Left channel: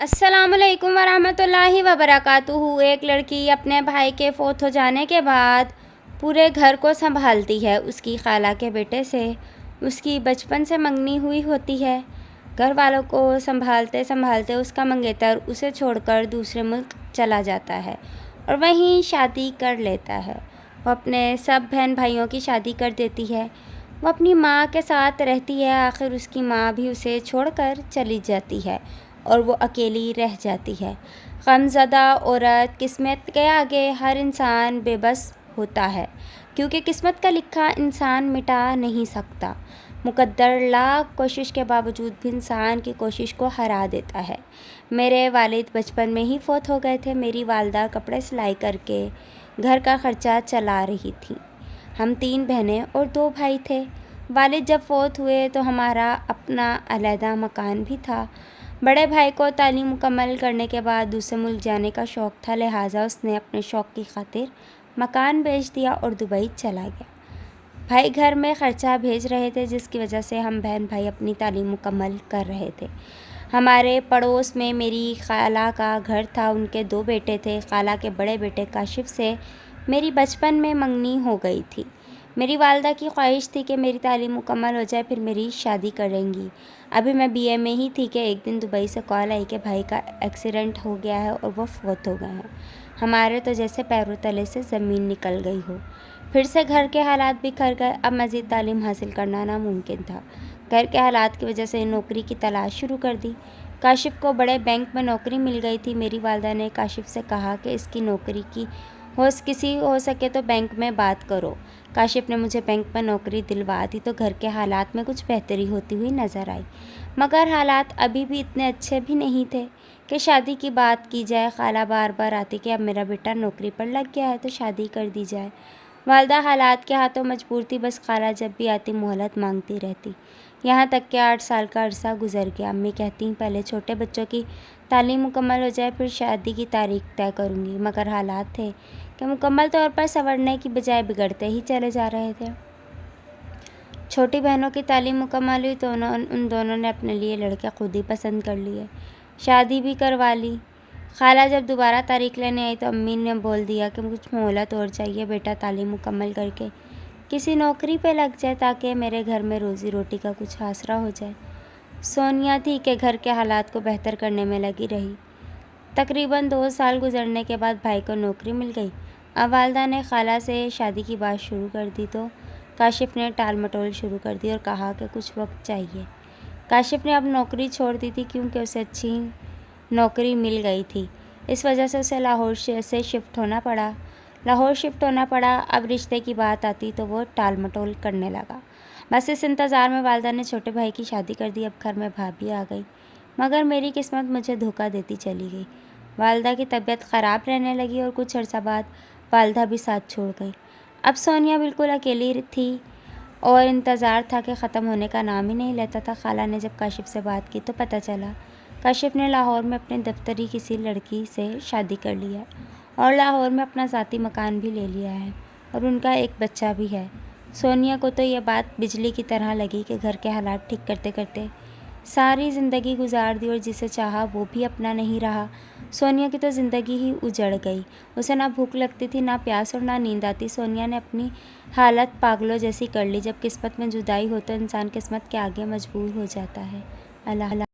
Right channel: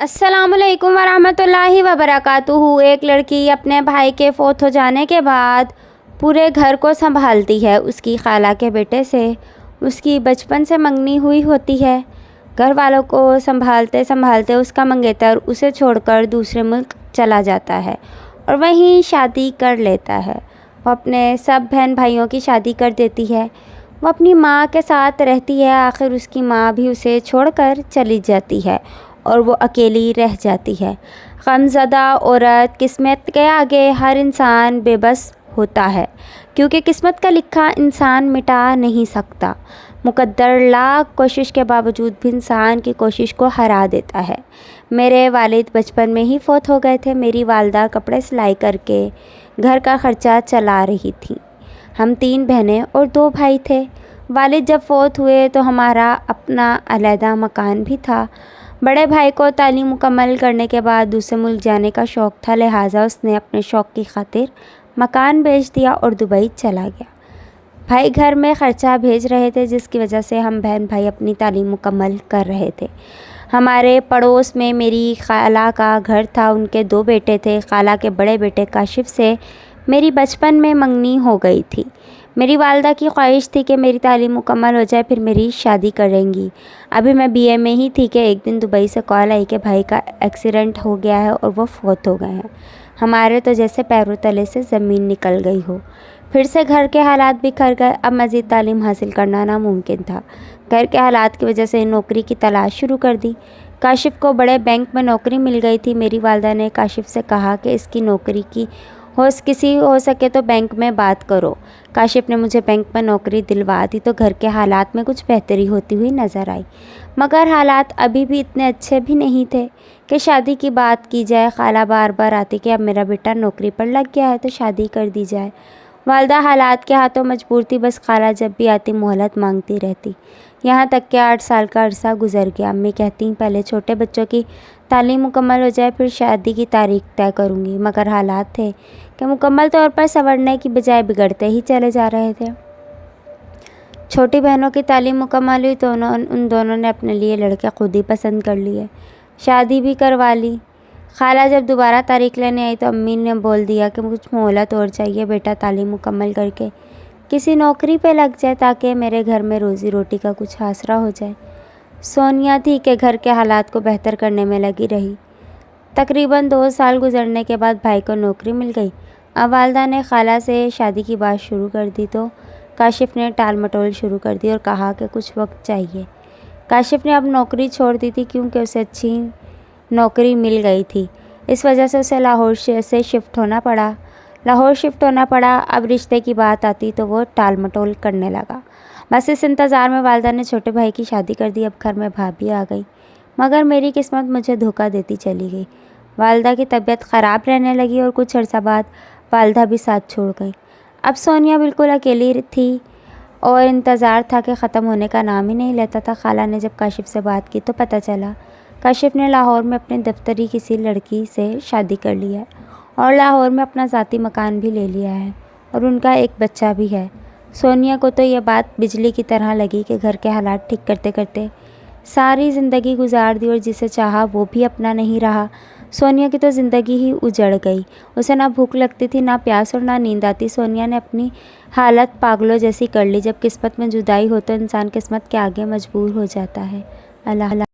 السلام علیکم ورحمۃ اللہ وبرکاتہ۔ ایک لڑکی اپنے بھائی کے فوت ہو جانے کے بعد پورے گھر کو سنبھالتی ہے۔ اس کی خالہ کے بیٹے سے اس کی بچپن سے منگنی ہوئی ہوتی ہے۔ گھر والوں کو سنبھالتے سنبھالتے اس کا منگیتر اسے چھوڑ کر دوسرے ملک چلا جاتا ہے اور وہیں شادی کر لیتا ہے۔ وہ اپنے سب بہن بھائیوں کی شادی کر دیتی ہے۔ وہ اپنی ماں کے ساتھ رہتی ہے۔ آخر اس کی ماں بھی اسے چھوڑ کر چلی جاتی ہے اور وہ اکیلی رہ جاتی ہے۔ غمزدہ عورت قسمت کے آگے ہر انسان بے بس ہوتا ہے، کیونکہ قسمت کا لکھا انسان مٹا نہیں سکتا۔ مقدر لاکھ کوشش کے باوجود بھی انسان کی کوشش کو ہرا دیتا ہے۔ میرے والد بچپن میں ہی فوت ہو گئے تھے۔ میری والدہ کپڑے سلائی کر کے گھر کا خرچہ چلا رہی تھیں۔ ہم 3 بہنیں اور 2 بھائی تھے۔ والد جب فوت ہوئے تو ہمارا اپنا علیحدہ مکان بھی تھا۔ بڑے بھائی کو تعلیم مکمل کرنے کے بعد دوسرے ملک جانے کا شوق تھا، لہٰذا اس نے اپنے شوق کی خاطر مکان بیچ دیا اور دبئی چلا گیا۔ بھائی گھر میں خرچہ بھیج رہے تھے، جس کی وجہ سے ہم بہن بھائی اپنی تعلیم مکمل کر رہے تھے۔ ہمارے پڑوس میں میری خالہ کا گھر تھا۔ ان کے 2 بیٹے تھے۔ خالہ کے بڑے بیٹے کاشف سے میری بچپن میں منگنی ہو گئی تھی۔ میری والدہ کی خواہش تھی کہ میری تعلیم مکمل ہو جائے، پھر میری شادی کریں گی۔ ابھی میں BA میں ہی تھی کہ ایک دن دبئی سے کال آئی کہ بھائی کا ایکسیڈنٹ ہو گیا ہے اور وہ فوت ہو گئے ہیں۔ ہمارے تو جیسے پیروں تلے سے زمین نکل گئی ہو۔ پھر سے گھر کے حالات بکھر گئے۔ اب مزید تعلیم حاصل کرنا ناممکن تھا۔ گھر کے حالات کی وجہ سے نوکری کی تلاش شروع کر دی۔ کاشف کو بڑے بینک میں نوکری مل گئی تھی۔ میری والدہ نے کاشف سے کہا کہ اس کی نوکری کی کسی ہو سکے تو بینک میں بات کرو۔ کاشف نے مجھے بینک میں نوکری دلوا دی تو گھر کے حالات میں کچھ بہتری ہوتی ہوئی نظر آئی، مگر حالات ابھی بھی اتنے اچھے بھی نہیں تھے کہ شادی کی بات کی جائے۔ خالہ بار بار آتی کہ اب میرا بیٹا نوکری پر لگ گیا ہے تو شادی کر دی جائے۔ والدہ حالات کے ہاتھوں مجبور تھی، بس خالہ جب بھی آتی مہلت مانگتی رہتی، یہاں تک کہ 8 سال کا عرصہ گزر گیا۔ امی کہتی پہلے چھوٹے بچوں کی تعلیم مکمل ہو جائے پھر شادی کی تاریخ طے کروں گی، مگر حالات تھے کہ مکمل طور پر سنورنے کی بجائے بگڑتے ہی چلے جا رہے تھے۔ چھوٹی بہنوں کی تعلیم مکمل ہوئی تو ان دونوں نے اپنے لیے لڑکے خود ہی پسند کر لیے، شادی بھی کروا لی۔ خالہ جب دوبارہ تاریخ لینے آئی تو امی نے بول دیا کہ کچھ مہلت اور چاہیے، بیٹا تعلیم مکمل کر کے کسی نوکری پہ لگ جائے تاکہ میرے گھر میں روزی روٹی کا کچھ آسرا ہو جائے۔ سونیا تھی کہ گھر کے حالات کو بہتر کرنے میں لگی رہی۔ تقریباً 2 سال گزرنے کے بعد بھائی کو نوکری مل گئی۔ اب والدہ نے خالہ سے شادی کی بات شروع کر دی تو کاشف نے ٹال مٹول شروع کر دی اور کہا کہ کچھ وقت چاہیے۔ کاشف نے اب نوکری چھوڑ دی تھی کیونکہ اسے اچھی نوکری مل گئی تھی، اس وجہ سے اسے لاہور سے شفٹ ہونا پڑا۔ اب رشتے کی بات آتی تو وہ ٹال مٹول کرنے لگا۔ بس اس انتظار میں والدہ نے چھوٹے بھائی کی شادی کر دی۔ اب گھر میں بھابھی آ گئی، مگر میری قسمت مجھے دھوکہ دیتی چلی گئی۔ والدہ کی طبیعت خراب رہنے لگی اور کچھ عرصہ بعد والدہ بھی ساتھ چھوڑ گئی۔ اب سونیا بالکل اکیلی تھی اور انتظار تھا کہ ختم ہونے کا نام ہی نہیں لیتا تھا۔ خالہ نے جب کاشف سے بات کی تو پتہ چلا کاشف نے لاہور میں اپنے دفتری کسی لڑکی سے شادی کر لی ہے اور لاہور میں اپنا ذاتی مکان بھی لے لیا ہے اور ان کا ایک بچہ بھی ہے۔ سونیا کو تو یہ بات بجلی کی طرح لگی کہ گھر کے حالات ٹھیک کرتے کرتے ساری زندگی گزار دی اور جسے چاہا وہ بھی اپنا نہیں رہا۔ سونیا کی تو زندگی ہی اجڑ گئی۔ اسے نہ بھوک لگتی تھی، نہ پیاس اور نہ نیند آتی۔ سونیا نے اپنی حالت پاگلوں جیسی کر لی۔ جب قسمت میں جدائی ہو تو انسان قسمت کے آگے مجبور ہو جاتا ہے۔ اللہ